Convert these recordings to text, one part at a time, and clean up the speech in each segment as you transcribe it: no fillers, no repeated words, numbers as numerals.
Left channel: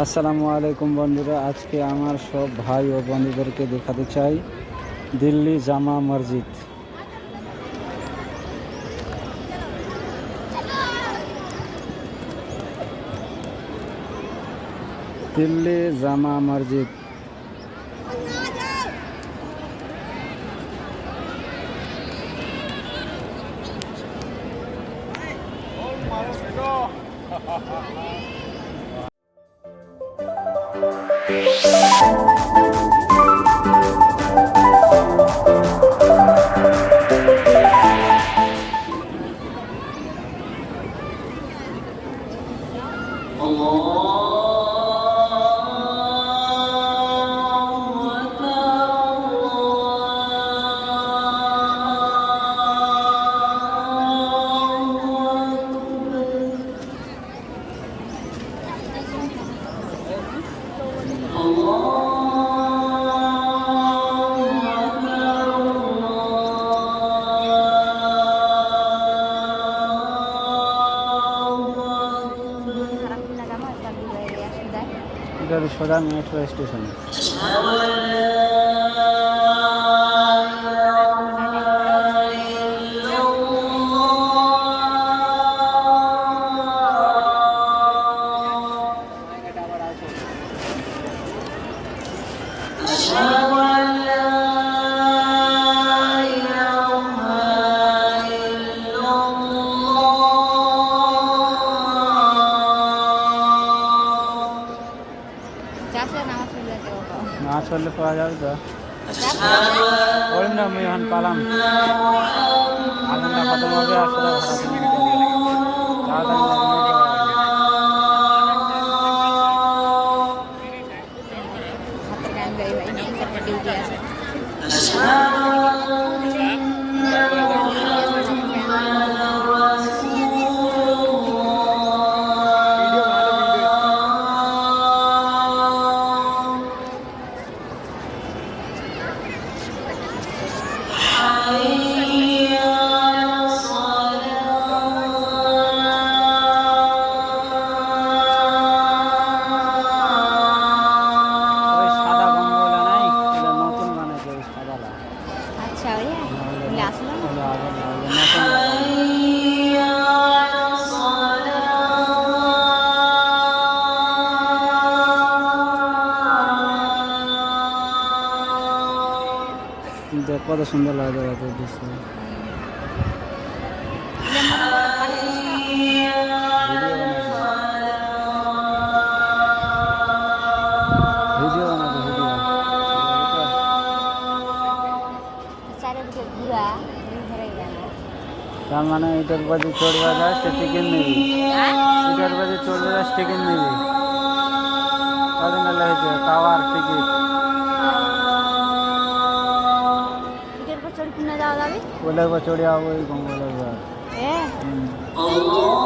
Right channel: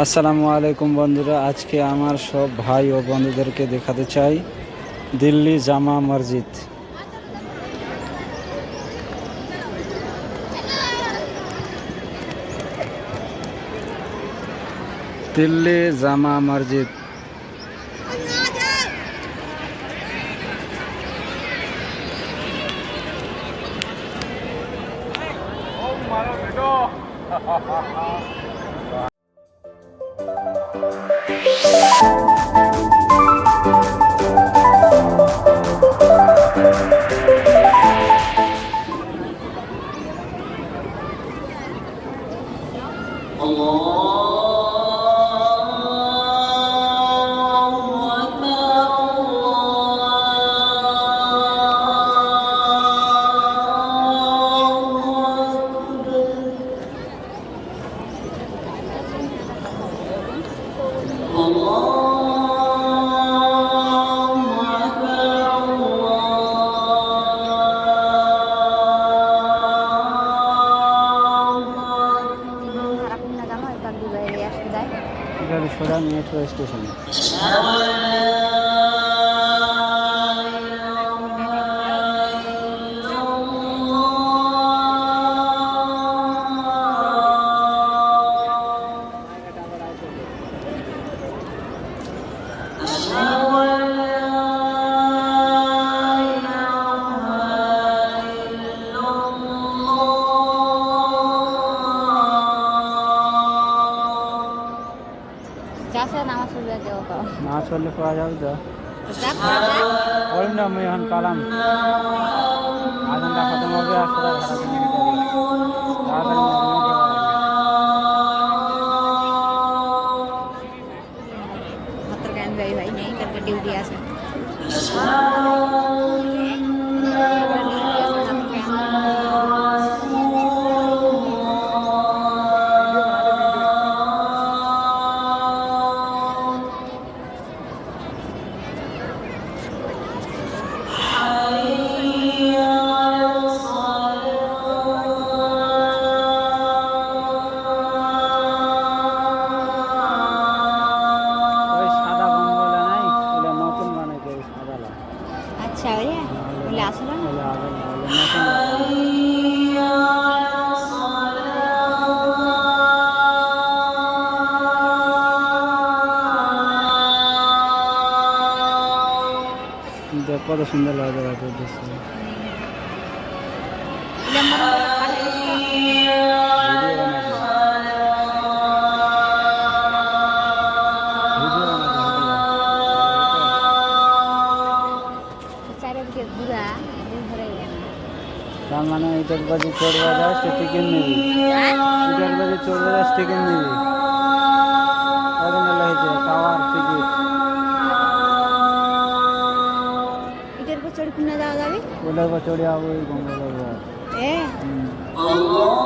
আসসালামু আলাইকুম বন্ধুরা, আজকে আমার সব ভাই ও বন্ধুদেরকে দেখাতে চাই দিল্লি জামা মসজিদ। দিল্লি জামা মসজিদ। সোজা মেট্রো স্টেশন। নামাজ পড়লে পাওয়া যাবে তো ওই না আমি এখন পালাম আজানটা খতম হবে আর সোজা ভাড়া তাড়াতাড়ি ডিউটি আছে। দেখ কত সুন্দর লাগে জায়গাটা দৃশ্য। তার মানে এটার বাজে চড়বা যায় সে টিকিট নিবি, এটার বাজে চড়বা যায় টিকিট নিবি, হয়েছে টাওয়ার টিকিট ওইটার উপর চড়ে যাবো ওই গঙ্গলের উপর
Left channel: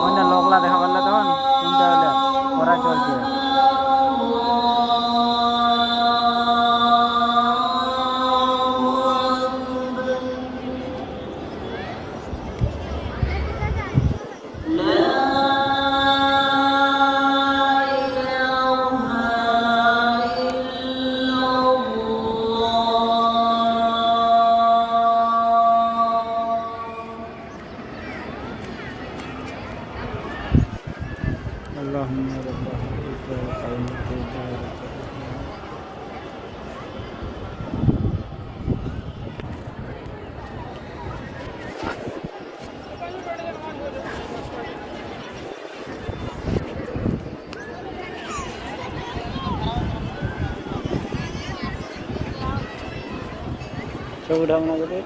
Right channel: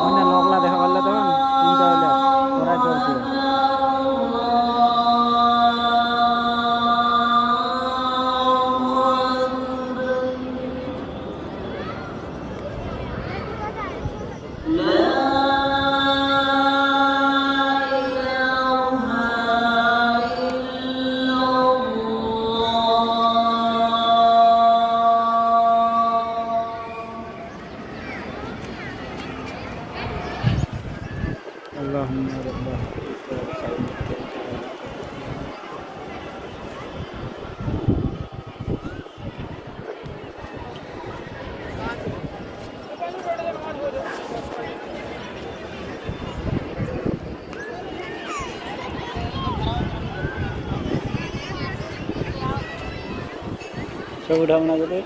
অন্য লোকলা দেখা পারলে তখন কোনটা হইলে ওরা চলছে। اللهم رب هذا الخير ছবি ঢামনা করে